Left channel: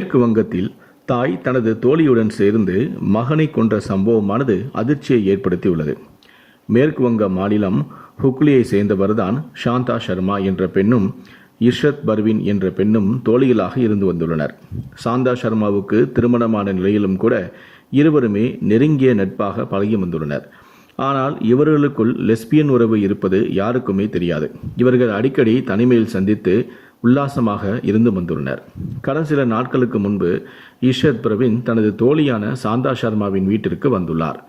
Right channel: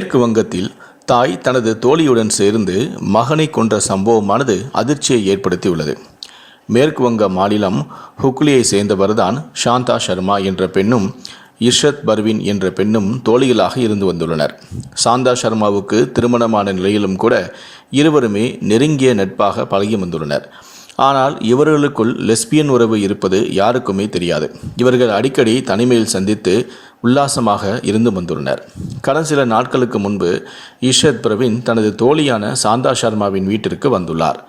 மேற்கு வங்கத்தில் தாய் தனது தோழியுடன் சேர்ந்து மகனை கொன்ற சம்பவமானது அதிர்ச்சியை ஏற்படுத்தியுள்ளது. மேற்கு வங்க மாநிலம் ஹுக்லியை சேர்ந்தவர்தான் சாந்தா சர்மா என்ற பெண்ணும் இர்ஷத் பர்வின் என்ற பெண்ணும் தோழிகளாக இருந்து வந்துள்ளனர். சாந்தா சர்மாவுக்கு திருமணமான நிலையிலும் கூட இருவருமே நெருங்கிய நட்பாக பழகி வந்துள்ளனர். ஆனால் இவர்களுக்குள் லெஸ்பியன் உறவு இருப்பது யாருக்குமே தெரியாது. இவர்கள் அடிக்கடி தனிமையில் சந்தித்து உல்லாசமாக இருந்து வந்துள்ளனர். கடந்த சில நாட்களுக்கு முன்பு இஷத் பிரவீன் தனது தோழியான சாந்தா சர்மாவின் வீட்டிற்கு வந்துள்ளார்.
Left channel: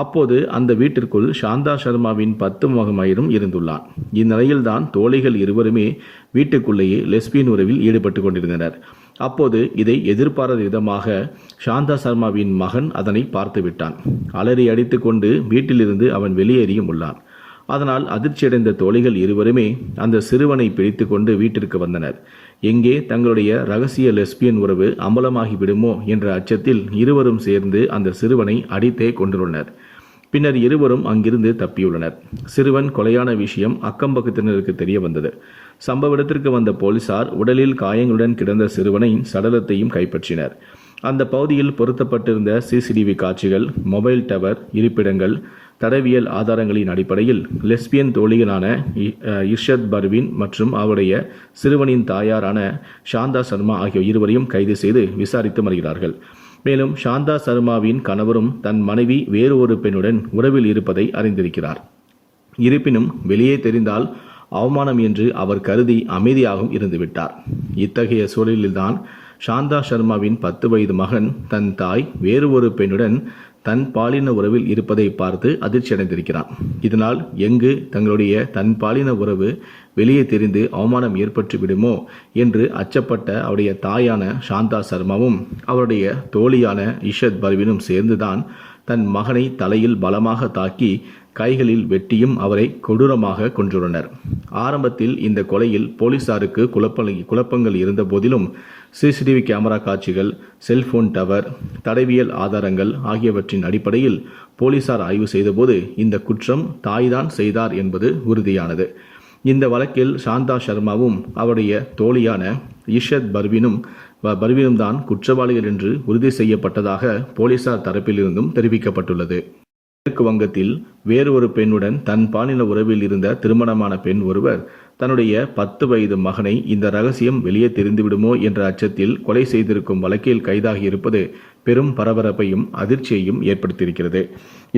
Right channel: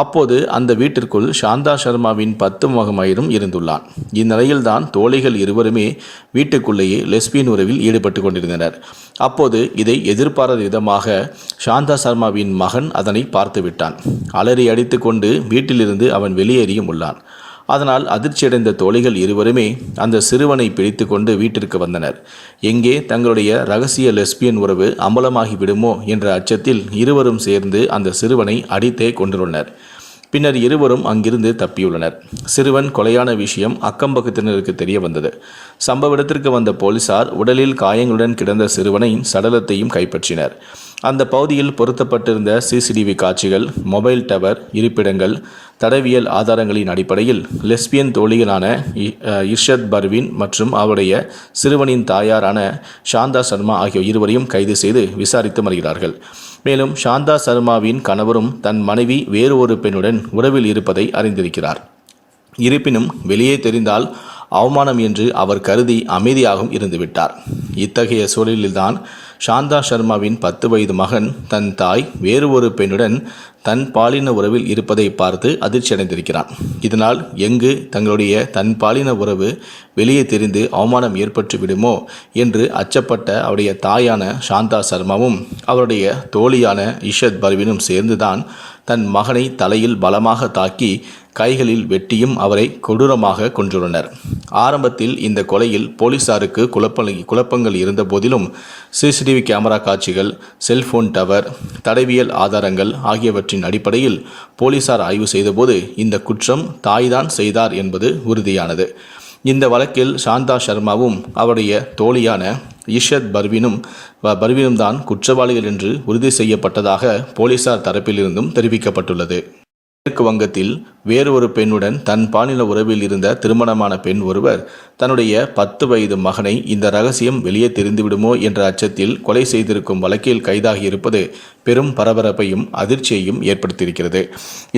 அப்போது அந்த வீட்டிற்குள் சாந்தா சர்மாவின் பத்து மகமயிரும் இருந்துள்ளான். இந்நிலையில்தான் தோழிகள் இருவருமே வீட்டுக்குள்ளேயே லெஸ்பியன் உறவில் ஈடுபட்டு கொண்டிருந்தனர். அப்போது இதை எதிர்பாராத விதமாக சாந்தா சர்மாவின் மகன் அதனை பார்த்துவிட்டான். அலறி அடித்துக்கொண்டு வீட்டிலிருந்து அவன் வெளியேறியும் உள்ளான். அதனால் அதிர்ச்சியடைந்த தோழிகள் இருவருமே அந்த சிறுவனை பிடித்து கொண்டு வீட்டிற்கு வந்தனர். எங்கே தங்களுடைய ரகசிய லெஸ்பியன் உறவு அம்பலமாகி விடுமோ என்ற அச்சத்தில் இருவரும் சேர்ந்து அந்த சிறுவனை அடித்தே கொண்டுள்ளனர் பின்னர் இருவரும் அங்கிருந்து தப்பியுள்ளனர். சிறுவன் கொலையான விஷயம் அக்கம்பக்கத்தினருக்கு தெரிய வந்தது. சம்பவ இடத்திற்கு வந்த போலீசார் உடலில் காயங்களுடன் கிடந்த சிறுவனை சடலத்தையும் கைப்பற்றினர். அந்த பகுதியில் பொருத்தப்பட்டிருந்த சிசிடிவி காட்சிகள் மொபைல் டவர் இருப்பிடங்கள் தடவியல் ஆதாரங்களின் அடிப்படையில் லெஸ்பியன் தோழிகளான இ- இர்ஷத் பர்வின் மற்றும் அவருடைய சிறுவனின் தாயாரான சாந்தா சர்மா ஆகிய இருவரையும் கைது செய்து விசாரித்து வருகிறார்கள் மேலும் சாந்தா சர்மாவின் கணவரும் தன் மனைவி வேறு ஒரு பெண்ணுடன் உறவில் இருப்பதை அறிந்திருக்கிறார். இருப்பினும் வெளியே தெரிந்தால் அவமானம் என்று அவர் கருதி அமைதியாகவும் இருந்துவிட்டார். இத்தகைய சூழலில்தான் சாந்தா சர்மாவின் பத்து வயது மகன் தன் தாய் வேறு ஒரு பெண்ணுடன் தன் பாலின உறவில் இருப்பதை பார்த்து அதிர்ச்சியடைந்திருக்கிறான். இதனால் எங்கு தங்களுடைய தன் பாலின உறவு வெளியே தெரிந்து அவமானம் ஏற்பட்டு விடுமோ என்று அச்சப்பட்ட அவருடைய தாயான சாந்தா சர்மாவும் அவருடைய தோழியான இஷத் பர்வினும் சேர்ந்துதான் தன் மகனை தலையில் பலமாக தாக்கி கைகளில் வெட்டியும் அவரை கொடூரமாக கொன்றுள்ளனர். ஆரம்பத்தில் இந்த கொலையில் போலீசாருக்கு குழப்ப குழப்பங்கள் இருந்த போதிலும் சிசிடிவி கேமரா காட்சிகள் செல்போன் டவர் தடவியல் ஆதாரங்கள் ஆகியவற்றின் அடிப்படையில் போலீசார் ஆய்வு செய்தபோது இந்த குற்றம் தாய்தான் செய்தார் என்பது உறுதியானது. இந்த வழக்கில் சாந்தா சர்மாவும் அவருடைய தோழியான இஷத் பர்வினும் பர்வினும் தான் குற்றவாளிகள் என்று உறுதி செய்யப்பட்டதாக போலீசார் தரப்பிலிருந்தும் தெரிவிக்கப்பட்டுள்ளது. மேற்கு வங்கத்தில் வேறு ஒரு பெண்ணுடன் தன் பாலின உறவில் இருந்த திருமணமான பெண் ஒருவர் தன்னுடைய பத்து வயது மகனை இந்த ரகசியம் வெளியே தெரிந்துவிடுமோ என்ற அச்சத்தில் கொலை செய்திருக்கும் வழக்கில் கைதாகியிருப்பது பெரும் பரபரப்பையும் அதிர்ச்சியையும் ஏற்படுத்தியிருக்கிறது.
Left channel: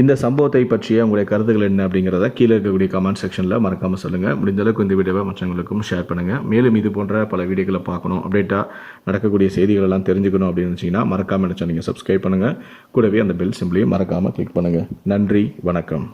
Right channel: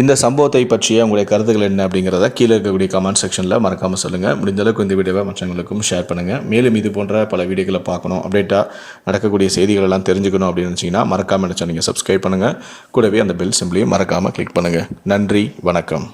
இந்த சம்பவத்தை பற்றிய உங்களுடைய கருத்துக்கள் என்ன அப்படிங்கிறத கீழே இருக்கக்கூடிய கமெண்ட் செக்ஷனில் மறக்காமல் சொல்லுங்கள் முடிந்தளவுக்கு இந்த வீடியோவை மற்றவங்களுக்கும் ஷேர் பண்ணுங்கள் மேலும் இது போன்ற பல வீடியோக்களை பார்க்கணும் அப்டேட்டாக நடக்கக்கூடிய செய்திகள் எல்லாம் தெரிஞ்சுக்கணும் அப்படின்னு நினச்சிங்கன்னா மறக்காமல் நினச்சா நீங்கள் சப்ஸ்கிரைப் பண்ணுங்கள் கூடவே அந்த பெல் சிம்பிளையும் மறக்காமல் கிளிக் பண்ணுங்கள் நன்றி வணக்கம்.